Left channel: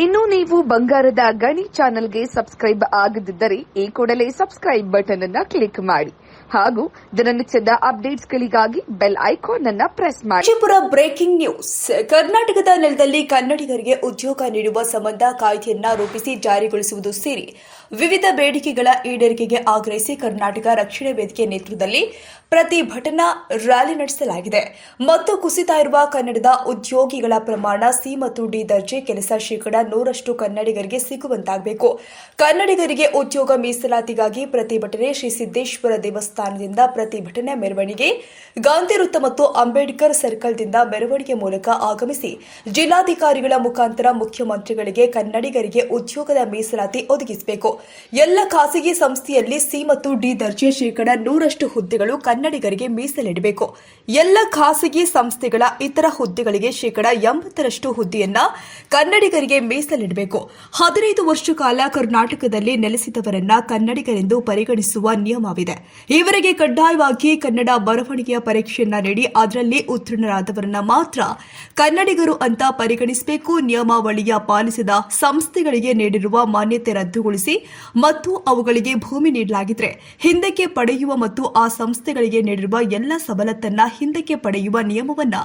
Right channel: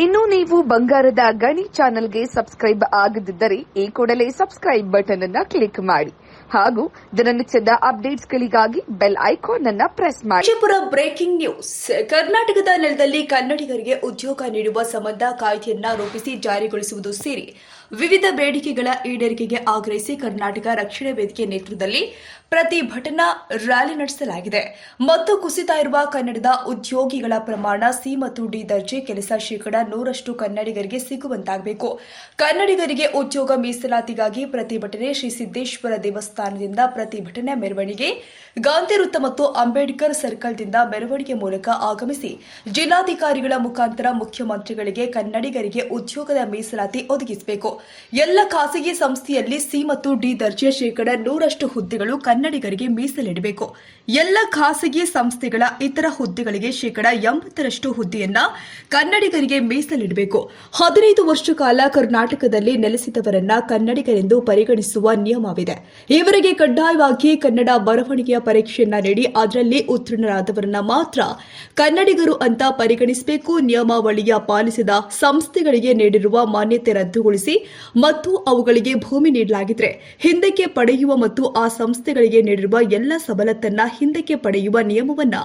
ಇನ್ನು ನೀವು ಬಂಗಾರದ ಗಣಿ ಚಾನೆಲ್ಗೆ ಸಬ್ಸ್ಕ್ರೈಬ್ ಆಗದಿದ್ದರೆ ಈ ಕೂಡಲೇ ಸಬ್ಸ್ಕ್ರೈಬ್ ಬಟನ್ ಅನ್ನ ಕ್ಲಿಕ್ ಮಾಡಿ. ಹಾಗೂ ದಿನನಿತ್ಯದ ಅಪ್ಡೇಟ್ಸ್ಗಳಿಗಾಗಿ ಬೆಲ್ ಐಕಾನ್ ಅನ್ನ ಪ್ರೆಸ್ ಮಾಡಿ. Vijayapura breaking news. ಕರ್ನಾಟಕದ ನೆಲದಲ್ಲಿ ಕನ್ನಡಿಗರಿಗೆ ಉದ್ಯೋಗ ನೀಡುವ ಸಂಬಂಧ ಕಾಯ್ದೆಯನ್ನ ರೂಪಿಸಿ ಜಾರಿಗೊಳಿಸುವುದು ಸೇರಿ ವಿವಿಧ ಬೇಡಿಕೆಗಳ ಈಡೇರಿಕೆಗೆ ಆಗ್ರಹಿಸಿ ಕರ್ನಾಟಕ ರಕ್ಷಣಾ ವೇದಿಕೆ ನೇತೃತ್ವದಲ್ಲಿ ಪ್ರತಿಭಟನಾ ರ್ಯಾಲಿ ನಡೆಸಲಾಗಿದೆ. ಮತ್ತು ಕುಸಿತ ಇರುವ ಕನ್ನಡದ ಉದ್ಯೋಗಿಗಳ ಪ್ರಮಾಣ ಸಿ ಮತ್ತು ಡಿ ದರ್ಜೆ ಕೆಲಸ ಶೇಕಡ ನೂರಷ್ಟು ಕನ್ನಡಿಗರಿಗೆ ಸಿಗುವಂತಾಗಬೇಕು. ಕನ್ನಡಿಗರಿಗೆ ಉದ್ಯೋಗ ಮೀಸಲಾತಿಗಾಗಿ ಪ್ರತಿಭಟನೆ ಶ್ರೀ ಸಿದ್ದೇಶ್ವರ ದೇವಸ್ಥಾನದಿಂದ ಪ್ರತಿಭಟನೆ ಮೆರವಣಿಗೆ, ಗಾಂಧಿ ವೃತ್ತ ಮತ್ತು ಅಂಬೇಡ್ಕರ್ ಸರ್ಕಲ್ದಿಂದ ಮೆರವಣಿಗೆ ಮೂಲಕ ಆಗಮಿಸಿ ಜಿಲ್ಲಾಧಿಕಾರಿಗಳ ಮುಖಾಂತರ ಮುಖ್ಯಮಂತ್ರಿಗಳಿಗೆ ಕನ್ನಡಿಗರಿಗೆ ಉದ್ಯೋಗದ ಮೀಸಲಾತಿ ಒದಗಿಸಬೇಕು. ಎಲ್ಲ ಖಾಸಗಿ ಸಂಸ್ಥೆಯಲ್ಲಿ ಸಿ ಮತ್ತು ಡಿ ದರ್ಜೆ ಶೇಕಡ ನೂರಷ್ಟು ಹುದ್ದೆಗಳು ಕನ್ನಡಿಗರಿಗೆ ಮೀಸಲಿಡಬೇಕು. ಎಲ್ಲ ಖಾಸಗಿ ಸಂಸ್ಥೆಗಳ ಇತರ ಹುದ್ದೆಗಳಿಗೆ ಶೇಕಡ ಎಂಬತ್ತರಷ್ಟು ಹುದ್ದೆಯನ್ನ ಕನ್ನಡಿಗರಿಗೆ ಮೀಸಲಿಡಬೇಕು. ಹದಿನೈದು ವರ್ಷ ಕಾಲ ಕರ್ನಾಟಕದಲ್ಲಿ ನೆಲೆಸಿದವರನ್ನ ಕನ್ನಡಿಗರೆಂದು ಪರಿಗಣಿಸುವ ನಿಯಮವಿದೆ. ಇವರಿಗೆ ಕಡ್ಡಾಯವಾಗಿ ಕನ್ನಡ ಬರವಣಿಗೆಯ ಪರೀಕ್ಷೆಯನ್ನ ನೀಡಿ ಅದರಲ್ಲಿ ಉತ್ತೀರ್ಣರಾದವರನ್ನ ಮಾತ್ರ ಕನ್ನಡಿಗರು ಅಂತ ಪರಿಗಣಿಸಬೇಕು. ನಿಯಮಾವಳಿಯ ಪಾಲಿಸಿದ ಸಂಸ್ಥೆಗಳಿಗೆ ನೀಡಿರುವ ಮಾನ್ಯತೆ ರದ್ದುಗೊಳಿಸಿ ಮತ್ತು ಅವುಗಳಿಗೆ ಭೂಮಿ ನೀಡಲಾಗಿದ್ರೆ ಹಿಂದಕ್ಕೆ ಪಡೆಯುವ ಮತ್ತು ಆ ಸಂಸ್ಥೆಗಳಿಗೆ ನೀಡಿರುವ ಎಲ್ಲ ಸವಲತ್ತನ್ನ ಹಿಂದಕ್ಕೆ ಪಡೆಯುವ ನಿಯಮವನ್ನ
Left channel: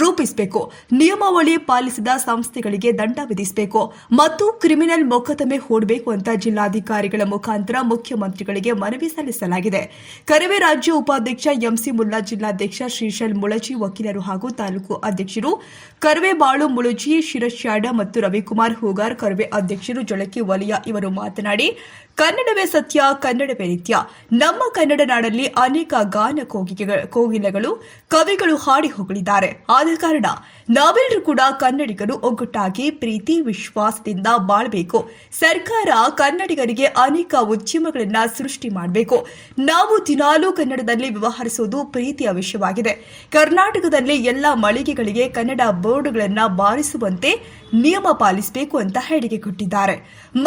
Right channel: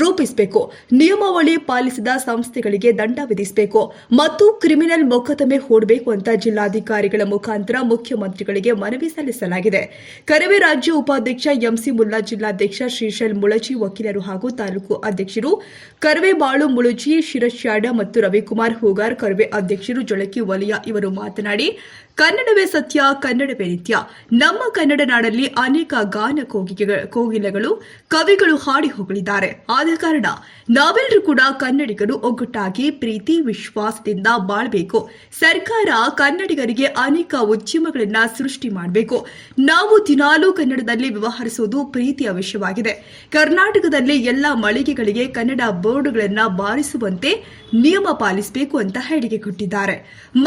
ರೂಪಿಸಬೇಕು. ನಿಯಮಾವಳಿ ಪಾಲಿಸಿದ ಸಂಸ್ಥೆಗಳಿಗೆ ದಂಡ ವಿಧಿಸಬೇಕು ಮತ್ತು ಕ್ರಿಮಿನಲ್ ಮೊಕದ್ದಮೆ ಹೂಡಬೇಕು ಅಂತ ಜಿಲ್ಲಾಧಿಕಾರಿಗಳ ಮುಖಾಂತರ ಮುಖ್ಯಮಂತ್ರಿಗಳಿಗೆ ಮನವಿ ಸಲ್ಲಿಸಲಾಗಿದೆ. ಕರವೇ ರಾಜ್ಯ ಉಪಾಧ್ಯಕ್ಷ ಎಂಸಿ ಮುಲ್ಲಾ ಜಿಲ್ಲಾಧ್ಯಕ್ಷ ಶ್ರೀಶೈಲ್ ಮುಳಜಿ ವಕೀಲರು ಹಾಗೂ ತಾಲೂಕು ಅಧ್ಯಕ್ಷರು ಕರವೇ ಬಾಳು ಮುಳುಜಿ ಶಿರಶ್ಯಾಡ ಮತ್ತು ರವಿಕುಮಾರ್ ಹೂಗಾರ್ ಕರವೇ ಅಧ್ಯಕ್ಷರು ಜೊಳಕಿ ವಲಯ ಇವರು ಮಾತನಾಡಿ ಮಾಡಿ ಕನ್ನಡವೇ ಸತ್ಯ, ಕನ್ನಡವೇ ನಿತ್ಯ. ನಮ್ಮ ಕನ್ನಡ ನಾಡಲ್ಲಿ ಅನೇಕ ಗಾನ ಕೋಗಿಲೆಗಳು, ಕವಿಗಳು ಹಾಡಿ ಹೋಗಲಿದ್ದಾರೆ ಆದ ಕಾರಣ ನಾವೆಲ್ಲರೂ ಕೂಡ ಕನ್ನಡಿಗರು ಒಗ್ಗಟ್ಟಾಗಿ ಪ್ರೀತಿ, ವಿಶ್ವಾಸದಿಂದ ಬಾಳ್ಬೇಕು. ಸರ್ಕಾರ ಕನ್ನಡಿಗರಿಗೆ ಅನೇಕ ಉದ್ಯಮಗಳನ್ನ ಸೃಷ್ಟಿ ಮಾಡಬೇಕು. ನಾವು ದಿನಾಲೂ ಕನ್ನಡದಲ್ಲಿ ವ್ಯವಹರಿಸುವುದು ಪ್ರೀತಿಯ ವಿಷಯವಾಗಿದೆ ಕರ್ನಾಟಕದಲ್ಲಿ ಎಲ್ಲ ಮಳಿಗೆಗಳಿಗೆ ಕನ್ನಡ ಬೋರ್ಡ್ಗಳನ್ನು ಬಾರಿಸುವಂತೆ ನಿಯಮ ಪಾಲಿಸಬೇಕು ಅಂತ ಹೇಳಿಕೆ ಕೊಟ್ಟಿದ್ದಾರೆ.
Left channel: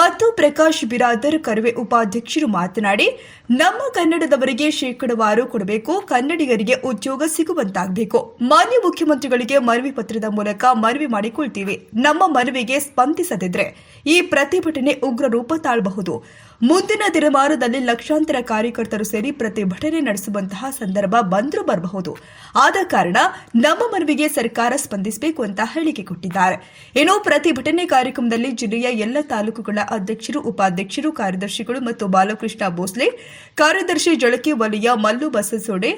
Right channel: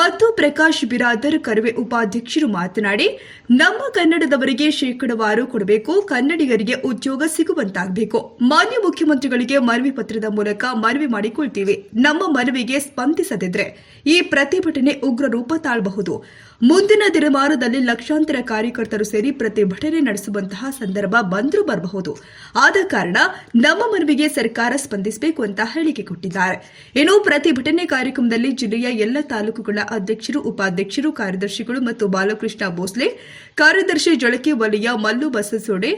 ಮತ್ತು ಪ್ರಕಾಶ್ ಬಿರಾದರ್ ಉಪಾಧ್ಯಕ್ಷರು ಮಾತನಾಡಿ, ನಮ್ಮ ಕನ್ನಡದವರಿಗೆ ಶೇಕಡವಾರು ಕೊಡಬೇಕು, ಕನ್ನಡಿಗರಿಗೆ ಉದ್ಯೋಗ ಸಿಗುವಂತಾಗಬೇಕು. ಮಾನ್ಯ ಮುಖ್ಯಮಂತ್ರಿಗಳಿಗೆ ಮನವಿ ಪತ್ರದ ಮೂಲಕ ಮನವಿ ಮಾಡಿಕೊಳ್ತೀವಿ. ನಮ್ಮ ಮನವಿಗೆ ಸ್ಪಂದಿಸದಿದ್ರೆ ಈ ಪ್ರತಿಭಟನೆ ಉಗ್ರ ರೂಪ ತಾಳಬಹುದು. ಮುಂದಿನ ದಿನಮಾನದಲ್ಲಿ ಲಕ್ಷಾಂತರ ಕಾರ್ಯಕರ್ತರು ಸೇರಿ ಪ್ರತಿಭಟನೆ ನಡೆಸುವಂತಹ ಸಂದರ್ಭ ಬಂದರೂ ಬರಬಹುದು. ಆದ ಕಾರಣ ನಮ್ಮ ಮನವಿಗೆ ಸರ್ಕಾರ ಸ್ಪಂದಿಸಬೇಕು ಅಂತ ಹೇಳಿಕೆ ಕೊಟ್ಟಿದ್ದಾರೆ. ಇನ್ನು ಪ್ರತಿಭಟನೆ ಕಾರ್ಯಕ್ರಮದಲ್ಲಿ ಜಿಲ್ಲೆಯ ಎಲ್ಲ ತಾಲೂಕುಗಳ ಅಧ್ಯಕ್ಷರು, ಉಪಾಧ್ಯಕ್ಷರು ಕಾರ್ಯದರ್ಶಿಗಳು ಮತ್ತು ಬಾಲಕೃಷ್ಣ ಭೋಸ್ಲೆ, ಕಾರ್ಯದರ್ಶಿ ಜಳಕೆ ವಲಯ ಮಲ್ಲು ಬಸಸೋಡೆ,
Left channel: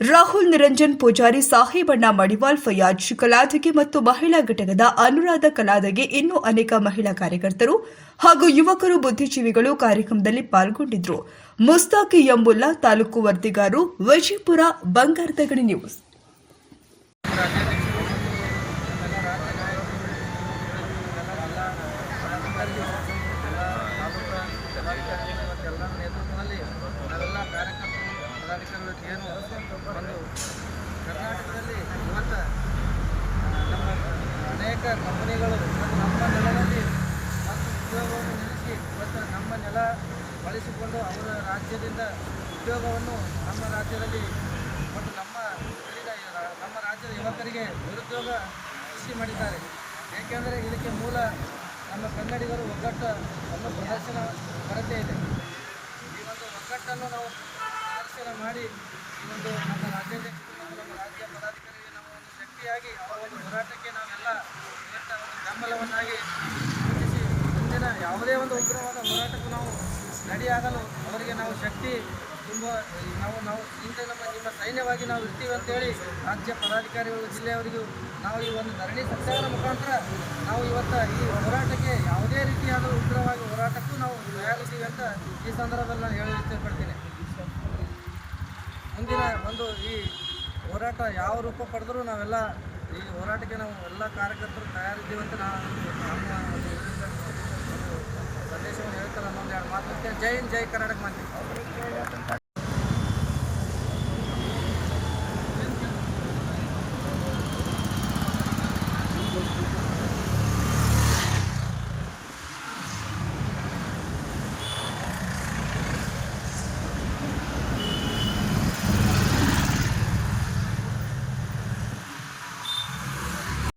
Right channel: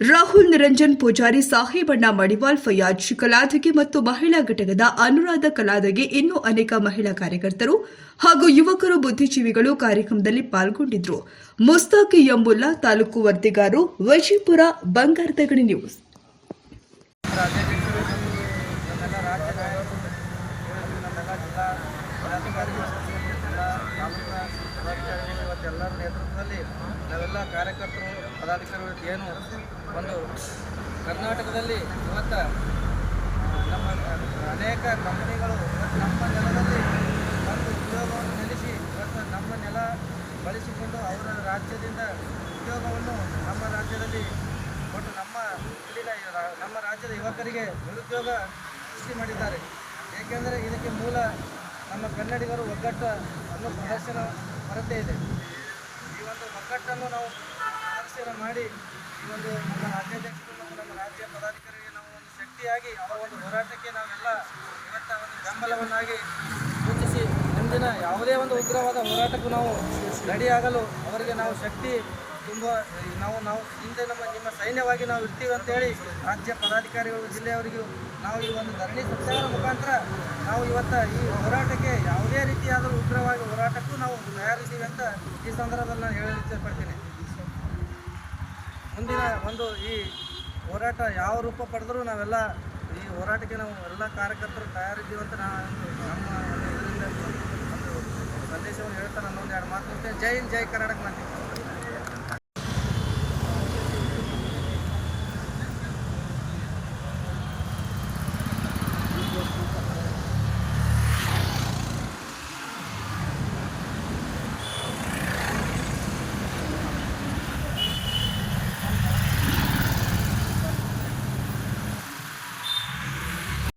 ರಾಹುಲ್ ನಿರಂಜನ್ ಪೂಜಾರಿ, ಸಾಹೇಬಣ್ಣ ಮಡಿವಾಲ್ ಫಯಾಜ್ ಕಲಾದಗಿ ಮತ್ತು ಮಹಿಳಾ ಘಟಕದ ಅನುರಾಧ ಕಲಾದಗಿ ಇನ್ನೂ ಅನೇಕ ಮಹಿಳಾ ಕಾರ್ಯಕರ್ತರು ಹಾಗೂ ಯುವಕರು ಬುದ್ಧಿಜೀವಿಗಳು ಕಾರ್ಯಕ್ರಮದಲ್ಲಿ ಪಾಲ್ಗೊಂಡಿದ್ದರು ಮುಸ್ತಾಕಿ ಎಂಬುಲ್ಲಾ ತಾಲೂಕು ವರದಿಗಾರು ವಿಜಯಪುರ ಬಂಗಾರದ ಗಣಿ ನ್ಯೂಸ್ ಕಾರ್ಯಕರ್ತರು, ಪದಾಧಿಕಾರಿಗಳು ಏನು ಒಂದು ಕರ್ನಾಟಕದಲ್ಲಿ ಇವತ್ತು ನಮ್ಮ ಅನೇಕ ಕಂಪನಿಗಳು ಇವತ್ತು ನಮ್ಮ ನೆಲದಲ್ಲಿ ಬಂದು ಉದ್ಯೋಗವನ್ನು ನೆಲೆಸಿ ಇವತ್ತು ನಮ್ಮ ನೆಲ ಬಳಸಿಕೊಂಡು ಅವರ ರಾಜ್ಯದಿಂದ ಉದ್ಯೋಗವನ್ನು ನಮ್ಮ ರಾಜ್ಯದಲ್ಲಿ ಒಟ್ಟು ನಮ್ಮ ಇಲ್ಲಿನ ನಮ್ಮ ರಾಜ್ಯದ ಯುವಕರಿಗೆ ನಿರುದ್ಯೋಗ ಸೃಷ್ಟಿ ಮಾಡಿದ್ದಾರೆ. ಏಕೆಂದರೆ ಇದಕ್ಕೆ ಮೂಲ ನಮ್ಮ ಕನ್ನಡಿಗರು ಒಗ್ಗಟ್ಟು ಅನ್ನೋ ಪ್ರದರ್ಶನ ಕೊರತೆ ಇದೆ. ಒಂದು ಒಗ್ಗಟ್ಟನ್ನು ನಾವು ಪ್ರದರ್ಶನ ಮಾಡಿ ಈ ಒಂದು ನಮ್ಮ ರಾಜ್ಯಾಧ್ಯಕ್ಷರು ಮತ್ತು ನಮ್ಮ ರಾಜ್ಯ ಪದಾಧಿಕಾರಿಗೆ ನಾವು ಒಂದು ಶಕ್ತಿಯಾಗಿ, ಅವರ ಒಂದು ಹೋರಾಟಕ್ಕೆ ನಾವೆಲ್ಲ ಇವತ್ತ ಒಂದು ಬೆಂಬಲವನ್ನಾಗಿ ಮುಂದಿನ ಯಾವುದೇ ಒಂದು ಉಗ್ರವಾದ ಹೋರಾಟಕ್ಕೂ ನಾವು ರೆಡಿಯಾಗಲು ಅವರಿಗೆ ನಾವು ಶಕ್ತಿ ತುಂಬ, ನಾವು ನಾವು ಹಿಂದೆ ನಮ್ಮ, ನಿಮ್ಮ ಸೈನ್ಯವಾಗಿ ನಾವು ಇರ್ತೀವಿ ಅಂತೇಳಿ ರಾಜ್ಯ ಪದಾಧಿಕಾರಿಗಳು ಜಿಲ್ಲೆಯವರಿಗೂ ನಾವು ಈ ಒಂದು ಧರಣಿ ಸತ್ಯಾಗ್ರಹ ಮುಖಾಂತರ ನಾವು ಇವತ್ತು ಈ ಹೋರಾಟಕ್ಕೆ ಯಾವುದೇ ರೀತಿಯಾದ ಉಗ್ರವಾಗಿ ಹೋರಾಟಕ್ಕೂ ನಾವು ತಯಾರಿದ್ದೀವಿ ಅಂತ ಈ ಸಂದರ್ಭದಲ್ಲಿ ನಾನು ಹೇಳಿ ಇಷ್ಟಪಡ್ತೀನಿ ಮುಂದಿನ ಒಂದು ಈ ಹೋರಾಟ ಯಾವ ರೂಪ ಪಡೆದರೂ ನಾವೆಲ್ಲ ಈ ಹೋರಾಟಕ್ಕೆ ನಾವು ಎಲ್ಲ ಕಾರ್ಯಕರ್ತರು ತಯಾರಿದ್ದೀವಿ ಅಂತ ನಾನು ನಮ್ಮ ಇದರಿಂದ ಒಂದು ಸಂದೇಶವನ್ನು ಹೇಳ್ತಾರೆ ಅನ್ನೊಂದು ಎರಡು ಮಾತು. ಕೊಡ್ತೇನೆ ಜೈ ಹಿಂದ್ ಜೈ ಕರ್ನಾಟಕ ಮಾತೆ.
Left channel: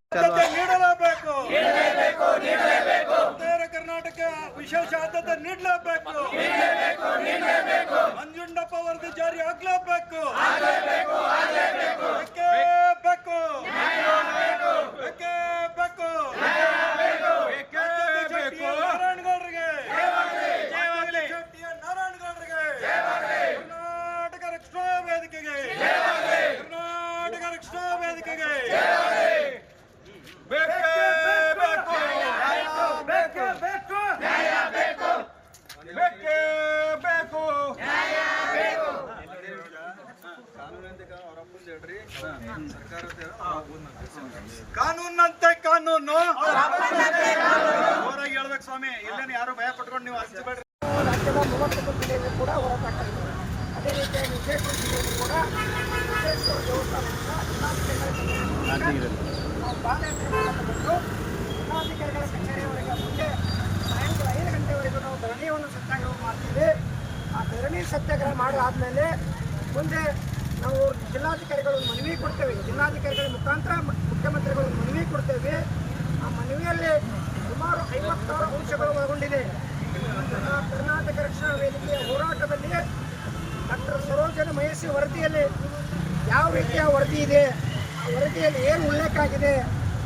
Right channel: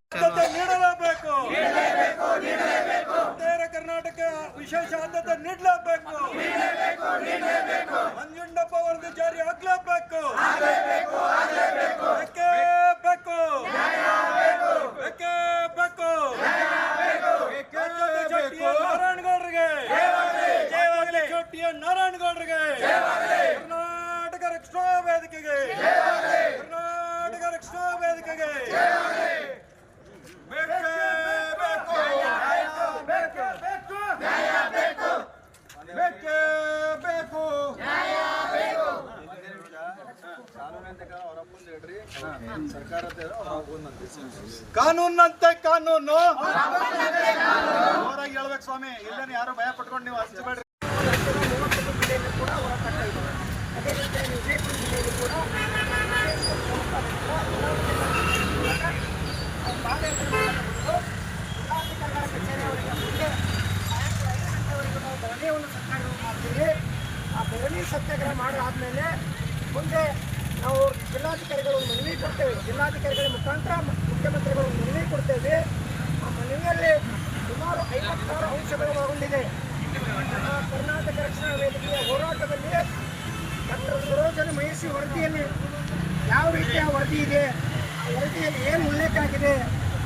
ಉತ್ತರ ಕರ್ನಾಟಕ ವಿಶೇಷ ಆದ್ಯತೆ ನೀಡಲೇಬೇಕು. ಮಂಜುಂಡಪ್ಪ ವರದಿ ಜಾರಿ ಆಗ್ಲೇಬೇಕು. ಬೇಕೇ ಬೇಕು ಬೇಕೇ ಬೇಕು ನಾರಾಯಣಗೌಡರಿಗೆ ಜೆಟಿಯ ನಾರಾಯಣಗೌಡರಿಗೆ ಕರ್ನಾಟಕ ರಕ್ಷಣಾ ವೇದಿಕೆಗೆ ಕರ್ನಾಟಕ ರಕ್ಷಣಾ ವೇದಿಕೆಗೆ ಬೇಕೇ ಬೇಕು ಬೇಕೇ ಬೇಕು ಬೇಕೇ ಬೇಕು ಕಾನೂನಂತೆ ಕಾನೂನು. ಹೇಳ್ಬೇಕು ಸ್ವಾಮಿ ಇಲ್ಲೇನು ಯಾರು ಭಯ ಪಟ್ಕೊಂಡು ನೀವು ಹಚ್ಚಬೇಡ್ರಿ ಕೂಡ ಹೋರಾಟ ಇದೆ ಅದೇ ರೀತಿಯಾಗಿ ವಿಜಯಪುರದಲ್ಲಿ ಕೂಡ ವಿಜಯೇಶ್ವರ ದೇವಸ್ಥಾನದಿಂದ ನಾವು ಪಾದಯಾತ್ರೆ ಬಂದು ಜಿಲ್ಲಾಧಿಕಾರಿಗಳ ಕಚೇರಿಯವರೆಗೆ ಮುಂದೆ ಸಾಯಂಕಾಲ ಐದು ಗಂಟೆವರೆಗೂ ನಾವು ಧರಣಿಯನ್ನು ಸತ್ಯಾಗ್ರಹ ಮಾಡ್ತೀವಿ ಆ ಧರಣಿ ಸತ್ಯಾಗ್ರಹ ಮಾಡಾದ್ಮೇಲೆ ಮುಂದೆ ನಾವು ಜಿಲ್ಲಾಧಿಕಾರಿಗಳು ಒಂದು ಮನವಿ ಕೊಡ್ತೇವೆ ಜಿಲ್ಲಾಧಿಕಾರಿಗಳ ಮುಖಾಂತರ ಮುಖ್ಯಮಂತ್ರಿಗಳು ಮನವಿ ಕೊಡ್ತೇವೆ. ಆ ಮನವಿಯಲ್ಲಿ ಸುಮಾರು ಐವತ್ತಾರು ಅಂಶಗಳು ಒಳಗೊಂಡಿದೆ. ನಮ್ಮ ಕರ್ನಾಟಕ ರಕ್ಷಣಾ ವೇದಿಕೆಯ ಹೋರಾಟದಲ್ಲಿ ಡಾಕ್ಟರ್ ಸರೋಜನ ಮಹೇಶಿ ವರದಿಯಲ್ಲಿ ಯಾವ ರೀತಿಯ ವರದಿ ಇದೆ, ಆ ವರದಿಯಲ್ಲಿ ಏನು ಉಲ್ಲೇಖ ಆಗಿದೆ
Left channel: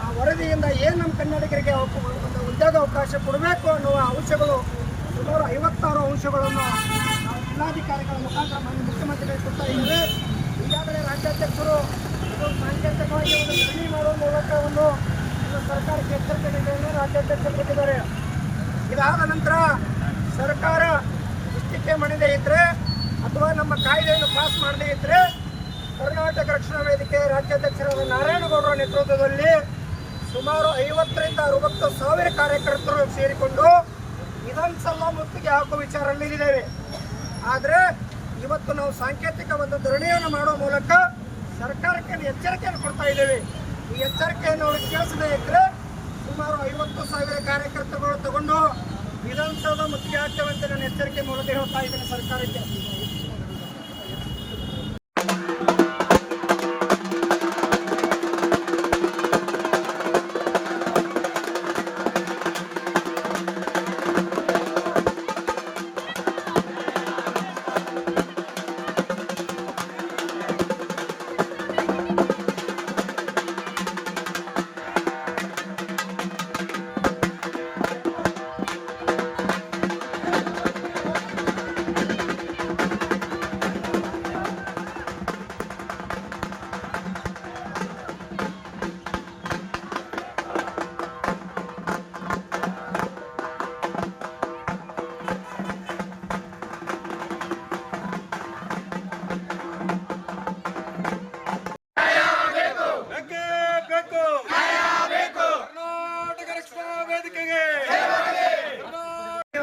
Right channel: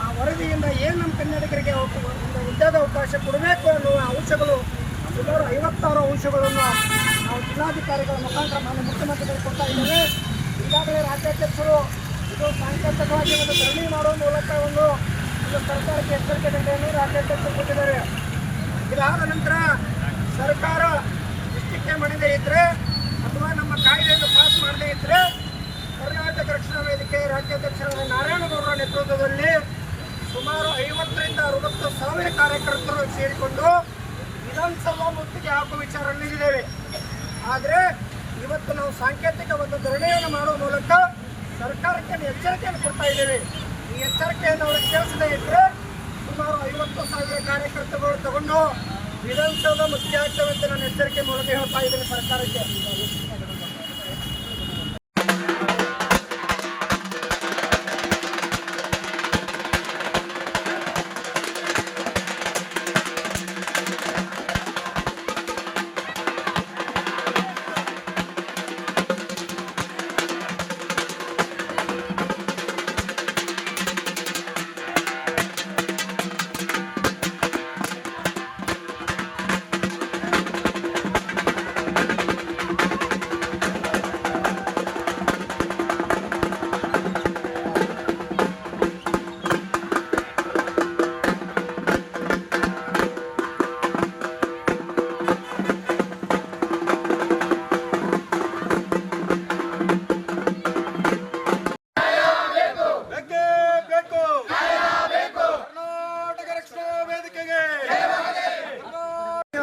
ಆ ವರದಿಯಿಂದ ಏನು ನಮ್ಮ ಕನ್ನಡಿಗರಿಗೆ ಒಂದು ಉದ್ಯೋಗ ಅವಕಾಶ ಕೊಡಬೇಕು ಅನ್ನುವ ಅಂಶಗಳು ಸುಮಾರು ಐವತ್ತಾರು ಅಂಶಗಳನ್ನು ನಾವು ಜಿಲ್ಲಾಧಿಕಾರಿಗಳ ಮುಖಾಂತರ ಮುಖ್ಯಮಂತ್ರಿಗಳಿಗೆ ಕೊಡ್ತಾ ಇದ್ದೀವಿ. ಈಗಾಗಲೇ ರಾಜ್ಯಾಧ್ಯಕ್ಷರು ಇದು ಸಾಂಕೇತಿಕವಾಗಿ ಒಂದು ಧರಣಿ ಮಾಡುವ ಮೂಲಕ ಒಂದು ಒಂದು ಸರ್ಕಾರಕ್ಕೆ ಎಚ್ಚರಿಕೆ ನೀಡಿಯನ್ನು ರಾಜ್ಯಾಧ್ಯಕ್ಷರು ಕೊಟ್ಟಿದ್ದಾರೆ ಇದಾದ ನಂತರ ಸರ್ಕಾರ ಇಷ್ಟಕ್ಕೆ ಮಾಡದೇ ಇದ್ರೆ ಅಥವಾ ನಮ್ಮ ಕಾಯ್ದೆಯನ್ನು ಪಾಸ್ ಮಾಡದೇ ಇದ್ರೆ ಕರ್ನಾಟಕ ರಕ್ಷಣಾ ವೇದಿಕೆ ರಾಜ್ಯಾಧ್ಯಕ್ಷರಾದ ನಾರಾಯಣಗೌಡರ ನೇತೃತ್ವದಲ್ಲಿ ಸುಮಾರು ಐವತ್ತರಿಂದ ಅರವತ್ತು ಸಾವಿರ ಕಾರ್ಯಕರ್ತರು ಸೇರಿಕೊಂಡು ವಿಧಾನಸಭಾ ಮುತ್ತಿಗೆ ಹಾಕುವ ವಿಚಾರದಲ್ಲಿದ್ದೇವೆ ಆದರೆ ಇವತ್ತು ನಾವು ಸಾಂಕೇತಿಕ ಒಂದು ಧರಣಿಯನ್ನು ಮಾಡುವ ಮೂಲಕ ಸರ್ಕಾರಕ್ಕೆ ಎಚ್ಚರಿಕೆಯನ್ನು ಕೊಡ್ತಾ ಇದ್ದೇವೆ. ಈ ಎಚ್ಚರಿಕೆಯನ್ನು ಅವರು ಕೇಳಿಸದೇ ಇದ್ರೆ ಸುಮಾರು ಐವತ್ತು ಸಾವಿರ ಕಾರ್ಯಕರ್ತರುಗಳು ತಗೊಂಡು ವಿಧಾನಸೌಧ ಮುಖ್ಯ ಆಗ್ತವೆ ಅಂತ ನಾನು ಎಚ್ಚರಿಕೆ ಮೂಲಕ ಹೇಳ್ತಾ ಇದ್ದೇನೆ ಸರ್ಕಾರಕ್ಕೆ.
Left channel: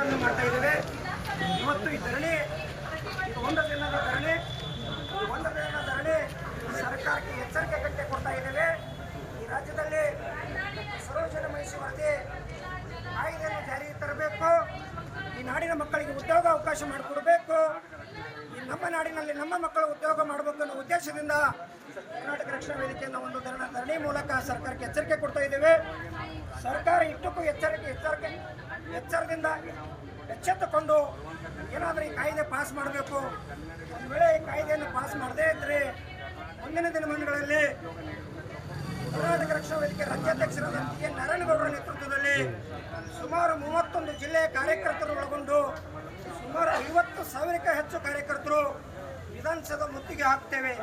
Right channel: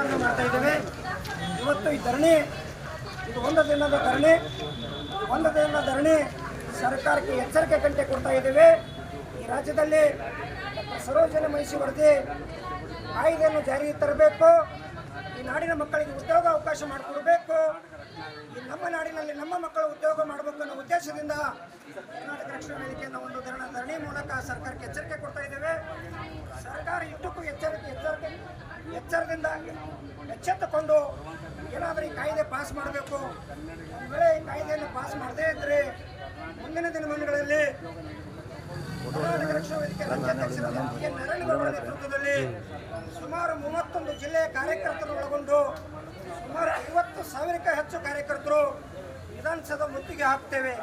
ಧರಣಿಯನ್ನು ಮಾಡ್ತಾ ಇದ್ದೇವೆ. ಇವತ್ತು ಈ ಧರಣಿ, ಇದು ಒಂದು ದಿನದ ಧರಣಿ. ಒಂದು ದಿನದ ಧರಣಿ ಸರ್ಕಾರಕ್ಕೆ ಎಚ್ಚರಿಕೆ ಗಂಟೆ ಕೊಡ್ತಾ ಇದ್ದೇವೆ. ಈ ರಾಜ್ಯದಲ್ಲಿ ಸರೋಜನ ಮಹಿಷಿ ವರದಿ ಕಾಯ್ದೆಯನ್ನು ಜಾರಿಗೆ ತರಬೇಕು. ಈ ನಾಡಿನ ಮಕ್ಕಳಿಗೆ ಉದ್ಯೋಗ ಅವಕಾಶ ಮಾಡಿಕೊಡಬೇಕು. ಈ ನಮ್ಮ ನಾಡಿನಲ್ಲಿ ನಮ್ಮ ಮಕ್ಕಳು ಉದ್ಯೋಗ ಮಾಡಬೇಕು ಅನ್ನೋ ಉದ್ದೇಶದಿಂದ ಕರ್ನಾಟಕ ರಕ್ಷಣಾ ವೇದಿಕೆಯಿಂದ ಒಂದು ಧರಣಿ ಮೂಲಕ ಸರ್ಕಾರಕ್ಕೆ ಎಚ್ಚರಿಕೆ ಕೊಡ್ತಾ ಇದ್ದೇವೆ. ಸರ್ಕಾರ ಇಷ್ಟಕ್ಕೂ ಎಚ್ಚರಿಕೆ ಎಚ್ಚರಿಕೆ, ಎಚ್ಚರದಿಂದ ಎಚ್ಚೆತ್ತುಕೊಂಡು ಏನಾದರೂ ಈ ಕಾಯ್ದೆ ಪಾಸ್ ಮಾಡಬೇಕು. ಒಂದು ವೇಳೆ ಈ ಕಾಯ್ದೆಯನ್ನು ಪಾಸ್ ಮಾಡದೇ ಇದ್ದರೆ ಮುಂದಿನ ದಿನಮಾನಗಳಲ್ಲಿ ಕರ್ನಾಟಕ ರಕ್ಷಣಾ ವೇದಿಕೆ ರಾಜ್ಯಾಧ್ಯಕ್ಷರಾದ ಟಿ ಎನ್ ನಾರಾಯಣಗೌಡರ ನೇತೃತ್ವದಲ್ಲಿ ಸುಮಾರು ಮೂವತ್ತೊಂದು ಜಿಲ್ಲೆಯ ಕಾರ್ಯಕರ್ತರು ಒಳಗೊಂಡು ಸುಮಾರು ಐವತ್ತು ಸಾವಿರಕ್ಕೂ ಹೆಚ್ಚು ಕಾರ್ಯಕರ್ತರು ವಿಧಾನಸೌಧ ಮುತ್ತಿಗೆ ಹಾಕ್ತೇವೆ.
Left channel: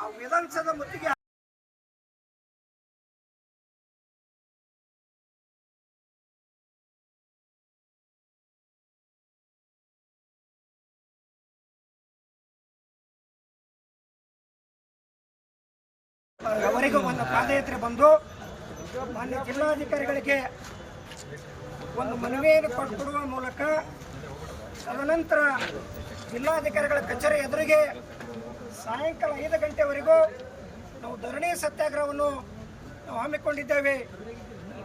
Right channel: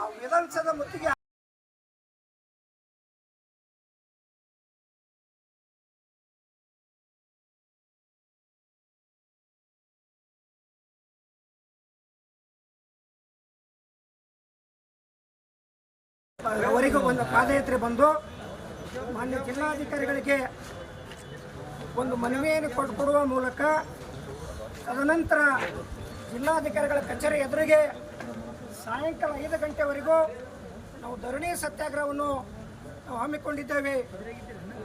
ಆ ವಿಧಾನಸೌಧ ಮುತ್ತಿಗೆ ಅವರಿಗೂ ಒಂದು ಪಾದಯಾತ್ರೆ ಬಂದು ಮಾನ್ಯ ಜಿಲ್ಲಾಧಿಕಾರಿಗಳಿಗೆ ಒಂದು ಮನವಿಯನ್ನು ಕೊಟ್ಟು ಕೊಡುವ ಮೂಲಕ ತದನಂತರ ಜಿಲ್ಲಾಧಿಕಾರಿಗಳ ಕಚೇರಿ ಎದುರಿಗೆ ಸಾಯಂಕಾಲ ಐದು ಗಂಟೆವರೆಗೂ ನಾವು ಧರಣಿ ಸತ್ಯಾಗ್ರಹವನ್ನು ನಾವು ಹಮ್ಮಿಕೊಂಡಿದ್ದೇವೆ.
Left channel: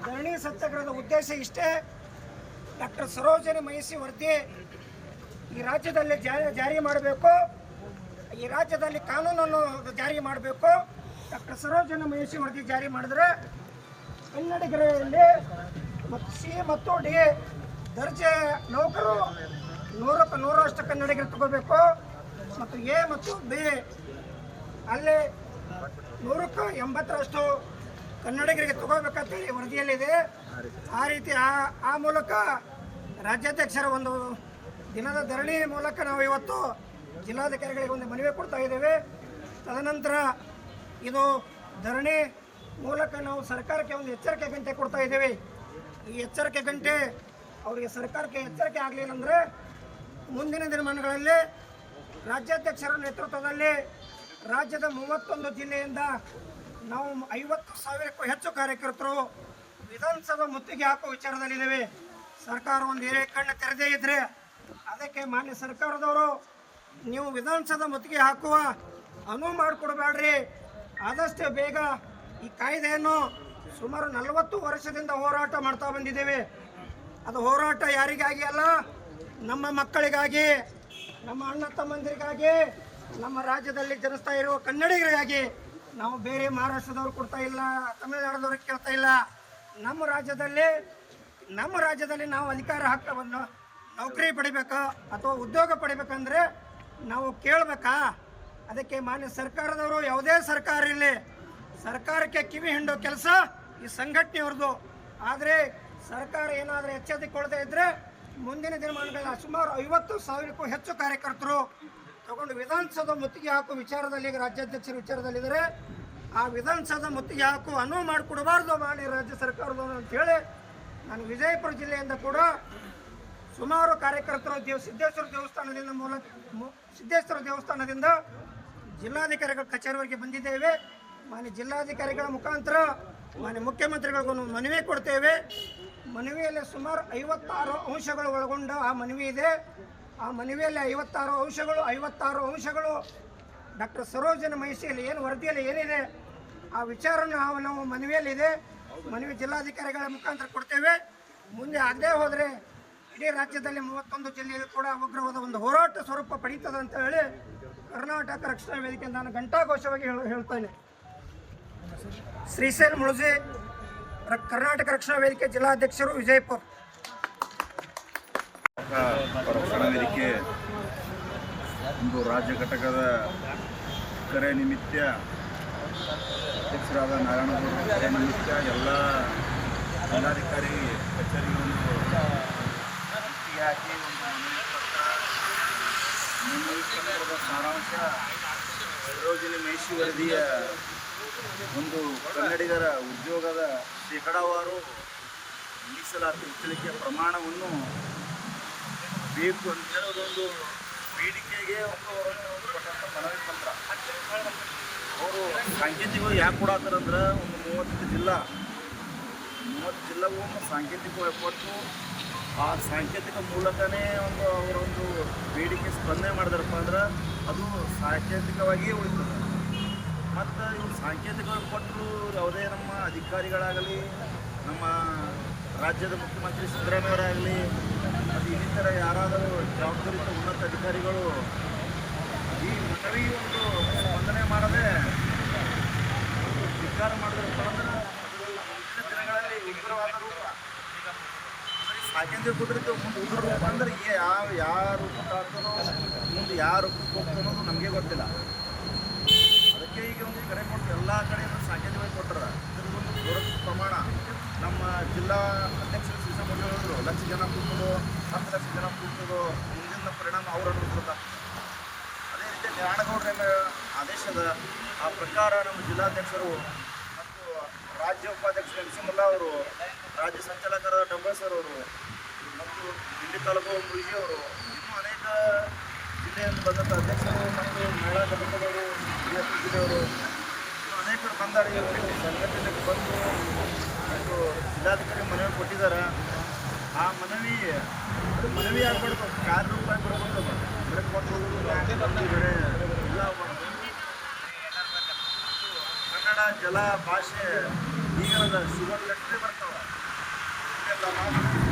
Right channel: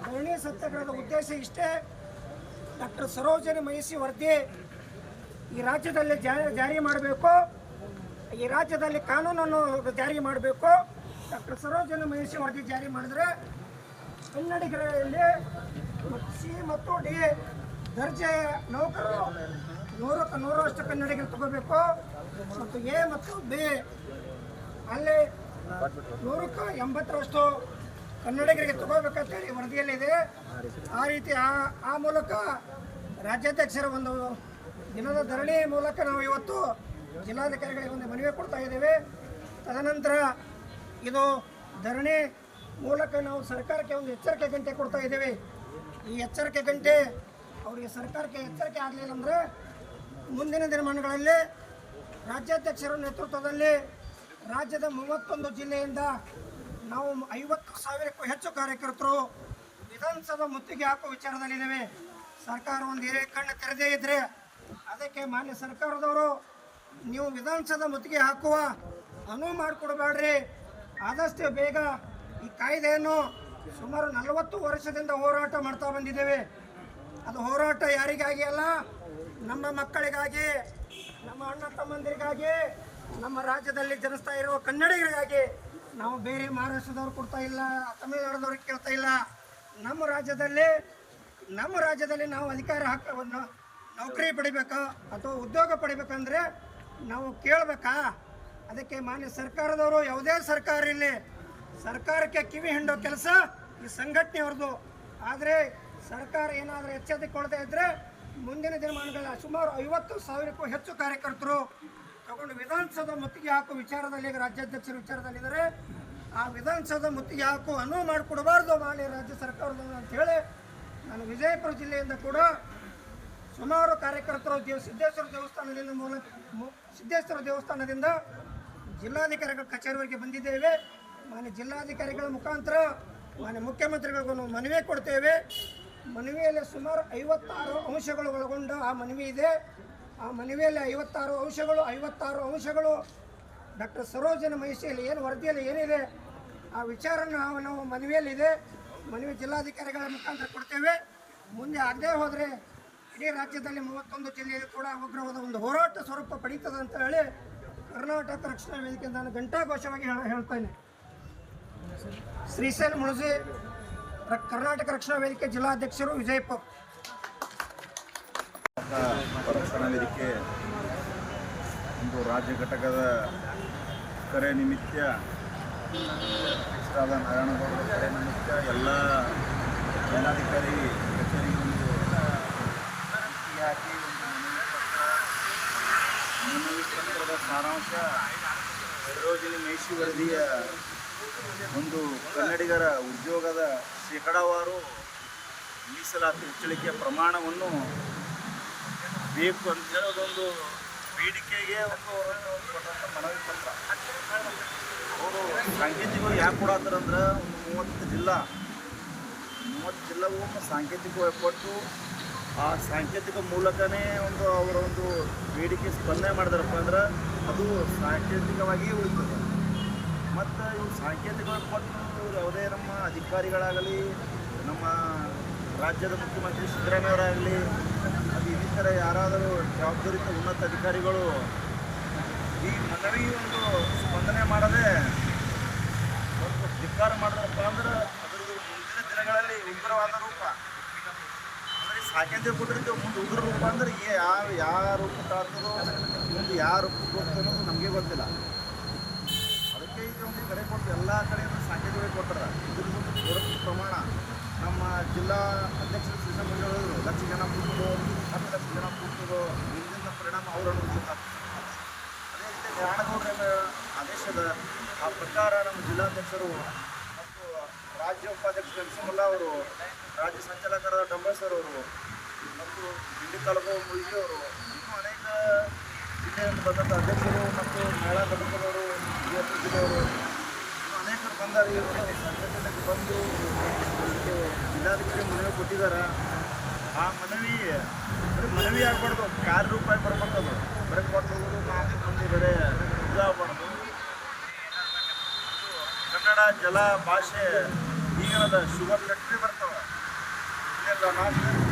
ಧರಣಿ ಸತ್ಯಾಗ್ರಹದ ಉದ್ದೇಶ ಇಷ್ಟೇ, ಡಾಕ್ಟರ್ ಸರೋಜನಿ ಮಹಿಷಿ ವರದಿ ಈ ರಾಜ್ಯದಲ್ಲಿ ಜಾರಿ ಮಾಡಬೇಕು. ಈ ರಾಜ್ಯದಲ್ಲಿ ಕಾನೂನನ್ನು ಜಾರಿ ಮಾಡಬೇಕು. ಡಾಕ್ಟರ್ ಸರೋಜನ ಮಹಿಷಿ ವರದಿ ಜಾರಿ ಮಾಡಿದ್ರೆ ಕನ್ನಡಿಗರಲ್ಲಿ ಸಿ ಮತ್ತು ಡಿ ದರ್ಜೆ ನೌಕರು ನೂರಕ್ಕೆ ನೂರಷ್ಟು ಕನ್ನಡಿಗರು ತಗೋಬೇಕು ಮತ್ತು ಎ ಮತ್ತು ಬಿ ಅಲ್ಲಿ ನೂರಕ್ಕೆ ಎಂಬತ್ತರಷ್ಟು ಕನ್ನಡಿಗರಿಗೆ ತಗೋಬೇಕಂತೇಳಿ ವರದಿಯಲ್ಲಿದೆ. ಆ ರೀತಿ ಆ ಆ ಮೂಲಕ ರಾಜ್ಯಾಧ್ಯಕ್ಷರ ಒಂದು ದಿನದ ಧರಣಿ ಮೂಲಕ ನಾವು ಇವತ್ತು ಜಿಲ್ಲಾಧಿಕಾರಿಗಳಿಗೆ ಒಂದು ಮನವಿ ಕೊಡ್ತಾ ಇದ್ದೇವೆ. ತದನಂತರ ಇದು ಧರಣಿ ಮೂಲಕ ನಾವು ಸರ್ಕಾರಕ್ಕೆ ಒಂದು ಎಚ್ಚರಿಕೆ ಗಂಟೆ ಕೊಡ್ತಾ ಇದ್ದೇವೆ. ಈ ಎಚ್ಚರಿಕೆ ಗಂಟೆ ಅವರಿಗೆ ಸರ್ಕಾರಕ್ಕೆ ಎಚ್ಚರಿಕೆ ಆಗಲಿಲ್ಲ ಅಂದರೆ ಮುಂದಿನ ದಿನಮಾನಗಳಲ್ಲಿ ರಾಜ್ಯಾಧ್ಯಕ್ಷರ ನೇತೃತ್ವದಲ್ಲಿ ರಾಜ್ಯದ ಮೂವತ್ತೊಂದು ಜಿಲ್ಲೆಯಿಂದ ನಾವು ಐವತ್ತು ಸಾವಿರಕ್ಕೂ ಹೆಚ್ಚು ಕಾರ್ಯಕರ್ತರು ವಿಧಾನಸಭಾ ಮುತ್ತಿಗೆ ಹಾಕುವ ವಿಚಾರದಲ್ಲಿದ್ದೇವೆ. ಸರ್ಕಾರ ಒಂದು ಏರಿಯ ಕಣ್ಣು ತೆರೆದೇ ಇದ್ದರೆ ಅದಕ್ಕೆ ಮಾನ್ಯ ಸರ್ಕಾರದವರು ನೀವು ವಿಧಾನಸಭಾ ಮುತ್ತಿಗೆ ಹಾಕುವ ಅನುವು ಮಾಡಿಕೊಡ್ಬೇಡ್ರಿ. ಆದಷ್ಟು ಬೇಗ ಈ ಕಾಯ್ದೆಯನ್ನು ಸುಮಾರು ನಲವತ್ತು ವರ್ಷದಿಂದ ಹೋರಾಟ ಮಾಡ್ತಾ ಬಂದಿದ್ದೇವೆ. ಅದು ಹೋರಾಟ ಯಾರಿಗಾಗಿ ಅಲ್ಲ, ನಮ್ಮ ಮಕ್ಕಳಿಗಾಗಿ, ನಮ್ಮ ಅಣ್ಣ ತಮ್ಮಂದಿರಿಗಾಗಿ, ನಮ್ಮ ರಾಜ್ಯದಲ್ಲಿ ಜನಿಸ್ತಾ ಇರುವ ಕನ್ನಡಿಗರಿಗಾಗಿ ನಾವು ಬೇರೆ ಮಹಾರಾಷ್ಟ್ರದವ್ರು ಕೊಡ್ತಾ ಇಲ್ಲ ತಮಿಳುನಾಡದವ್ರಿಗೆ ಕೇಳ್ತಾ ಇಲ್ಲ. ನಮ್ಮ ರಾಜ್ಯದಲ್ಲಿ ನಮ್ಮ ರಾಜ್ಯದಲ್ಲಿ ನಾವು ಅಧಿಕಾರ ಹಕ್ಕವನ್ನು ನೌಕರಿ ಪಡಿಬೇಕಾ ಅಥವಾ ಉದ್ಯೋಗ ಪಡಿಬೇಕಂದ್ರೆ ನಾವು ಕೇಳಬೇಕಾ? ಅದಕ್ಕೆ ಮಾನ್ಯ ಸರ್ಕಾರದವರು ಯಾವುದೇ ಸರ್ಕಾರ ಇರಲಿ, ಸರ್ಕಾರಕ್ಕೆ ಕಿವಿ ಹಿಂಡೋ ಕೆಲಸ ಈ ಸಂಘಟನೆಯವ್ರದ್ದು. ಆದರೆ ಸರ್ಕಾರ ಏನಾದರೂ ಎಚ್ಚೆತ್ತಿಕೊಳ್ತಾ ಇದ್ದರೆ ಮುಂದಿನ ದಿನಮಾನಗಳ ಸುಮಾರು ಐವತ್ತು ಸಾವಿರಕ್ಕೂ ಹೆಚ್ಚು ಕಾರ್ಯಕರ್ತರು ತಗೊಂಡು ವಿಧಾನಸೌಧ ಮುತ್ತಿಗೆ ಹಾಕುವ ವಿಚಾರದಲ್ಲಿ ಈಗ ರಾಜ್ಯಾಧ್ಯಕ್ಷರ ವಿಚಾರದಲ್ಲಿದ್ದಾರೆ. ಆ ವಿಧಾನಸೌಧ ಮುತ್ತಿಗೆ ಹಾಕು ಅನುವು ಮಾಡಿಕೊಡಬಾರ್ದು ಮಾನ್ಯ ರಾಜ್ಯ ಸರ್ಕಾರದವರು ಅಂತೇಳಿ ನಾನು ವಿಜಯಪುರ ಜಿಲ್ಲೆಯಿಂದ ಕೂಡ ಸುಮಾರು ಕಾರ್ಯಕರ್ತರು ದೇವ ಸಿದ್ದೇಶ್ವರ ದೇವಸ್ಥಾನದಿಂದ ಮೂಲ ಸಿದ್ದೇಶ್ವರ ದೇವಸ್ಥಾನದಿಂದ ಜಿಲ್ಲಾಧಿಕಾರಿಗಳ ಕಚೇರಿವರೆಗೆ ಬಂದಿದ್ದೇವೆ. ಮಾನ್ಯ ಜಿಲ್ಲಾಧಿಕಾರಿಗಳ ಮುಖಾಂತರ ಮಾನ್ಯ ಮುಖ್ಯಮಂತ್ರಿಗಳಿಗೂ ಮನವಿ ಕೊಡ್ತೇವೆ. ಮನವಿಯಲ್ಲಿ ಸುಮಾರು ಐವತ್ತಾರು ಅಂಶಗಳು ಒಳಗೊಂಡ ಆ ಮನವಿ ಇದೆ. ಆ ಮನವಿಯಲ್ಲಿ ಐವತ್ತಾರು ಅಂಶಗಳು ಐವತ್ತಾರು ಅಂಶಗಳು ಡಾಕ್ಟರ್ ಸರೋಜನ ಮಹಿಷಿಯಲ್ಲಿ ಏನು ವರದಿಯಲ್ಲಿ ಏನಿದೆ, ಆ ವಿಚಾರ ನಾವು ನಾವು ಮನವಿಯಲ್ಲಿದೆ ಮನವಿ ಜಿಲ್ಲಾಧಿಕಾರಿಗಳ ಮುಖಾಂತರ ಕೊಡ್ತೇವೆ. ಮುಂದೆ ಆಗದೇ ಹೋದರೆ ಇಡೀ ರಾಜ್ಯದಲ್ಲಿ ಮೂವತ್ತೊಂದು ಜಿಲ್ಲೆಯಲ್ಲಿ ಕೂಡ ಉಗ್ರವಾದ ಒಂದು ಹೋರಾಟ ಸ್ವರೂಪ ಪಡೀತದೆ ಅಂತ ಹೇಳಿ ಕರ್ನಾಟಕ ರಕ್ಷಣಾ ವೇದಿಕೆ ನಾನು ಘಂಟಾಘೋಷವಾಗಿ ಹೇಳ ಹೇಳ್ತೇನೆ. ಶ್ರೀಶೈಲ್ ಮುಳುಜಿ ಕರ್ನಾಟಕ ರಕ್ಷಣಾ ವೇದಿಕೆ ಜಿಲ್ಲಾಧ್ಯಕ್ಷರು ವಿಜಯಪುರ. ರಕ್ಷಣಾ ವೇದಿಕೆ ಒಂದು ರಾಜ್ಯ ಘಟಕದ ಕರೆ ನಿಮಿತ್ತ, ಅಧ್ಯಕ್ಷರಾದ ನಾರಾಯಣಗೌಡರ ಕರೆ ನಿಮಿತ್ತ ಎಲ್ಲ ಜಿಲ್ಲಾಧಿಕಾರಿ ಕಚೇರಿಗೆ ಒಂದು ಹಾಕಿ ಒಂದು ಮನವಿ ಪತ್ರದ ಸಾರಾಂಶ ಸರೋಜಿನಿ ಮೈಸಿ ವರದಿಯ ಒಂದು ಕನ್ನಡಿಗರ ಉದ್ಯೋಗದ ಶೇಕಡಾವಾರು ಮೀಸಲಾತಿ ಹೆಚ್ಚಳಿಕೆ ಪ್ರಮಾಣವನ್ನು ಬೇಕು ಅಂತ ಹೇಳೋದೊಂದು ಬೇಡಿಕೆಗೆ ಒಂದು ಕೊಟ್ಟಂಥ ಮನವಿ ಪತ್ರ ಅವರು ಸಾಂಕೇತಿಕವಾಗಿ ಯಾಕೆ ಕೊಡತ್ತಾರಂದ್ರೆ ಒಂದು ಮೂವತ್ತು ಜಿಲ್ಲಾ, ಮೂವತ್ತು ಜಿಲ್ಲೆಗೂ ಸಾಂಕೇತಿಕವಾಗಿ ಕೊಟ್ಟು ಆ ಸಾಂಕೇತಿಕ ಮೂಲಕನೇ ಒಂದು ಅವರ ಒಂದು ಬೇಡಿಕೆ ಸ್ಪಂದನೆ ಮಾಡಿದಾರಪ್ಪ ಅಂದ್ರೆ ಅದು ಸಾಂಕೇತಿಕವಾಗಿಯೇ ಉಳಿತದೆ. ಮತ್ತು ಇವ್ರು ಸಾಂಕೇತಿಕವಾಗಿ ಕೊಟ್ಟರು ಯಾವುದೇ ನಮ್ಮ ಅಧಿಕಾರಿಗಳಾಗಲಿ, ನಮ್ಮ ರಾಜ್ಯದ ಮುಖ್ಯಮಂತ್ರಿ ಸಿದ್ದರಾಮಯ್ಯವರಾಗಲಿ, ಮತ್ತು ಇನ್ನಿತರ ಯಾರಾದರೂ ಜವಾಬ್ದಾರಿತ ಉನ್ನತ ಅಧಿಕಾರಿಗಳು ಈ ಮನವಿ ಒಂದು ಸ್ಪಂದನೆ ಮಾಡದೆ ಒಂದು ಧಿಕ್ಕಾರ ಮಾಡಿದ್ರಪ್ಪ ಅಂದ್ರೆ ಅದರ ಮುಂದಿನ ದಿನಗಳಲ್ಲಿ ಉಗ್ರವಾದ ರೂಪ ಸಾಕೇಂದ್ರ ಕೊಟ್ಟಿರ್ತೀವಿ ಮುಂದೆ ಉಗ್ರ ರೂಪ ಅಂದ್ರೆ ಏ, ಯಾವ ಯಾವ ರೂಪ ತಾಳ್ತದೋ ಮುಂದೆ ಯಾವ ರೂಪಕ್ಕೆ ಅನ್ನೋದು ನಮಗೆ ಗೊತ್ತಿಲ್ಲ. ಅದಕ್ಕೆ ಈಗ ಒಂದು ಕಡೆ ಕೊಟ್ಟು ಎಲ್ಲ ಕಡೆಯಿಂದ ಸಾಂಕೇತಿಕವಾಗಿ ಕೊಟ್ಟರೆ. ಇದ್ರದ್ದೊಂದು ಬೃಹತ್ ಪ್ರಮಾಣ. ನಮ್ಮ ಜಿಲ್ಲಾ ಅಧ್ಯಕ್ಷರು ಶ್ರೀಸಾ ಹೇಳಿದ್ರು, ಲಕ್ಷ ಜನ ಕೂತದೋ ಹತ್ತು ಲಕ್ಷ ಜನ ಕೂತದೋ ಮುಂದಿನ ಪರಿಣಾಮ ಅವ್ರ ಅನುಭವಿಸ್ಬೇಕಾಗ್ತದೆ ಅದೇ ರೀತಿ ನಾರಾಯಣಗೌಡರ ಆದೇಶದ ಆ ಪ್ರಕಾರ ನಮ್ಮ ಜಿಲ್ಲಾಧ್ಯಕ್ಷರು ಮತ್ತು ರಾಜ್ಯ ಉಪಾಧ್ಯಕ್ಷರು ಎಂ ಸಿ ಅವರು, ರಾಜ್ಯ ಸಂಚಾಲಕರಾದ ಡಂಬೇಸರ್ ಅವರು ಮತ್ತು ದಿಲ್ಲಿ ತಾಲೂಕು ಮುಳುಗಿಯವರು ಇನ್ನೂ ಅನೇಕ ಜಿಲ್ಲೆಯಿಂದ ಬಂದಂಥ ಅಧ್ಯಕ್ಷರು ಮತ್ತು ಮಹಿಳಾ ಘಟಕದವರು ವಿಜಯಪುರ ಜಿಲ್ಲೆಯವರು ಇನ್ನೂ ಅನೇಕರು ಬಂದಾರೆ. ಈ ಒಂದು ಸಂಘಟನೆಗೆ ಬಂದು ಒಂದು ಜಿಲ್ಲಾಧಿಕಾರಿ ಮನವಿ ಕೊಟ್ಟಿದ್ದಾರೆ. ಆ ಮನವಿ ಬರೀ ಮನವಿ ಆಗಬಾರ್ದು ಕಾರ್ಯರೂಪಾಯಿ ಬರ್ಬೇಕು ಅದು ಬರೀ ಕೊಟ್ಟು ಹೋಗೋದು, ನಾಲ್ಕು ಮಂದಿ ಇದಾಗಬಾರ್ದು. ಕನ್ನಡ ಜಲ ಭಾಷೆ ಈಗ ಶುಗರ್ ಫ್ಯಾಕ್ಟ್ರಿ ಬರ್ತವೆ. ಇದೆಲ್ಲ ನಾಲ್ಕು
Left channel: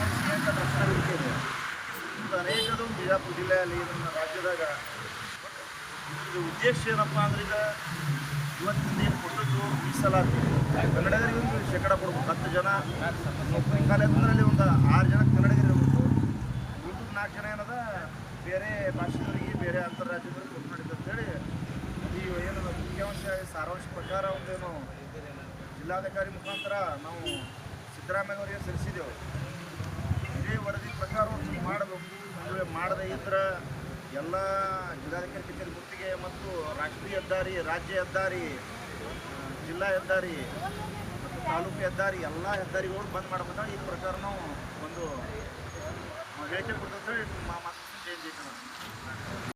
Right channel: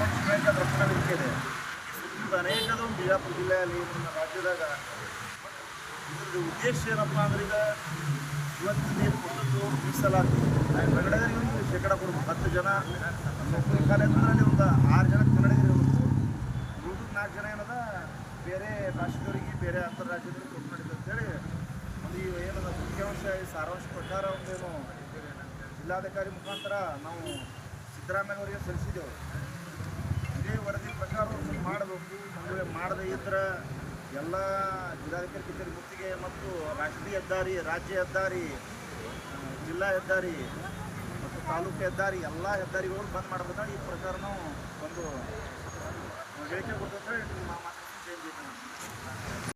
ಒಂದು ಸ್ಟ್ರೈಕ್ ರಕ್ಷಣಾ ವೇದಿಕೆ ಇದೆ. ಸುತ್ತಮುತ್ತ ಅನೇಕದು ಬಿಜಾಪುರ ಜಿಲ್ಲೆಯಲ್ಲಿ ನಮ್ಮ ರಾಜ್ಯದಾಗ ಬಟ್ ಇದ್ರದ್ದು ಉದ್ದೇಶ ಏನಪ್ಪ ಅಂದ್ರೆ ಈಗ ಇವತ್ತಿನ ಏನು ಕೊಟ್ಟದ್ದು ಮೀಸಲಾತಿ ಕನ್ನಡಿಗರಿಗೆ ಒಂದು ಶೇಕಡ ಕೊಡ್ಬೇಕು. ಹತ್ತು ಜನ ನೌಕರಿ ಖಾಲಿ ಅಂತಂದ್ರೆ ಒಂದು ಆರು ಜನ ಕನ್ನಡಿಗರಿರ್ಬೇಕು ಉಳಿದು ನಾಲ್ಕು ಜನ ಏನದ? ಬೇರೆ ಭಾಷೆದವರಿಗೆ, ಬೇರೆ ಅಂತಾರಾಜ್ಯದವ್ರಿಗೆ ಕೊಟ್ಟು ಮಾಡಿದ್ದು ಅಂತೇಳಿ ಒಂದು ಈ ಏನದ ಮುಖ್ಯಾಂಶ ಸಾರಾಂಶ ಪ್ರಕಾರ ಒಂದೇನು ಜಿಲ್ಲಾಧಿಕಾರಿ ಮುಖಾಂತರ ನಾವು ಸಿದ್ದರಾಮಯ್ಯನವರಿಗೆ ಸಲ್ಲಿಸಿದೆವು ಇದೇ ವರದಿ ಪ್ರಕಾರ ಮಾಡಬೇಕು. ಒಂದು ವೇಳೆ ಮಾಡದೇ ಇದ್ರೆ ಎಲ್ಲ ಜಿಲ್ಲಾಧಿಕಾರಿ ಕಚೇರಿ ಮುತ್ತಿಗೆ ಮತ್ತು ರಾಷ್ಟ್ರೀಯ ಹೆದ್ದಾರಿ, ರಾಜ್ಯ ಹೆದ್ದಾರಿ ಜಿಲ್ಲಾ ಹೆದ್ದಾರಿ ಮತ್ತು ತಾಲೂಕು ಹೆದ್ದಾರಿ ಎಲ್ಲ ಹೆದ್ದಾರಿಗಳು ಬಂದ್ ಮಾಡಬೇಕಂತ ಈ ಪ್ರಕಾರನೂ ಒಂದು ಹೇಳಿಕೆ ಕೊಡ್ತೇವೆ ಸರ್ ಮಾತು ಚೇಂಜ್ ಐತೆ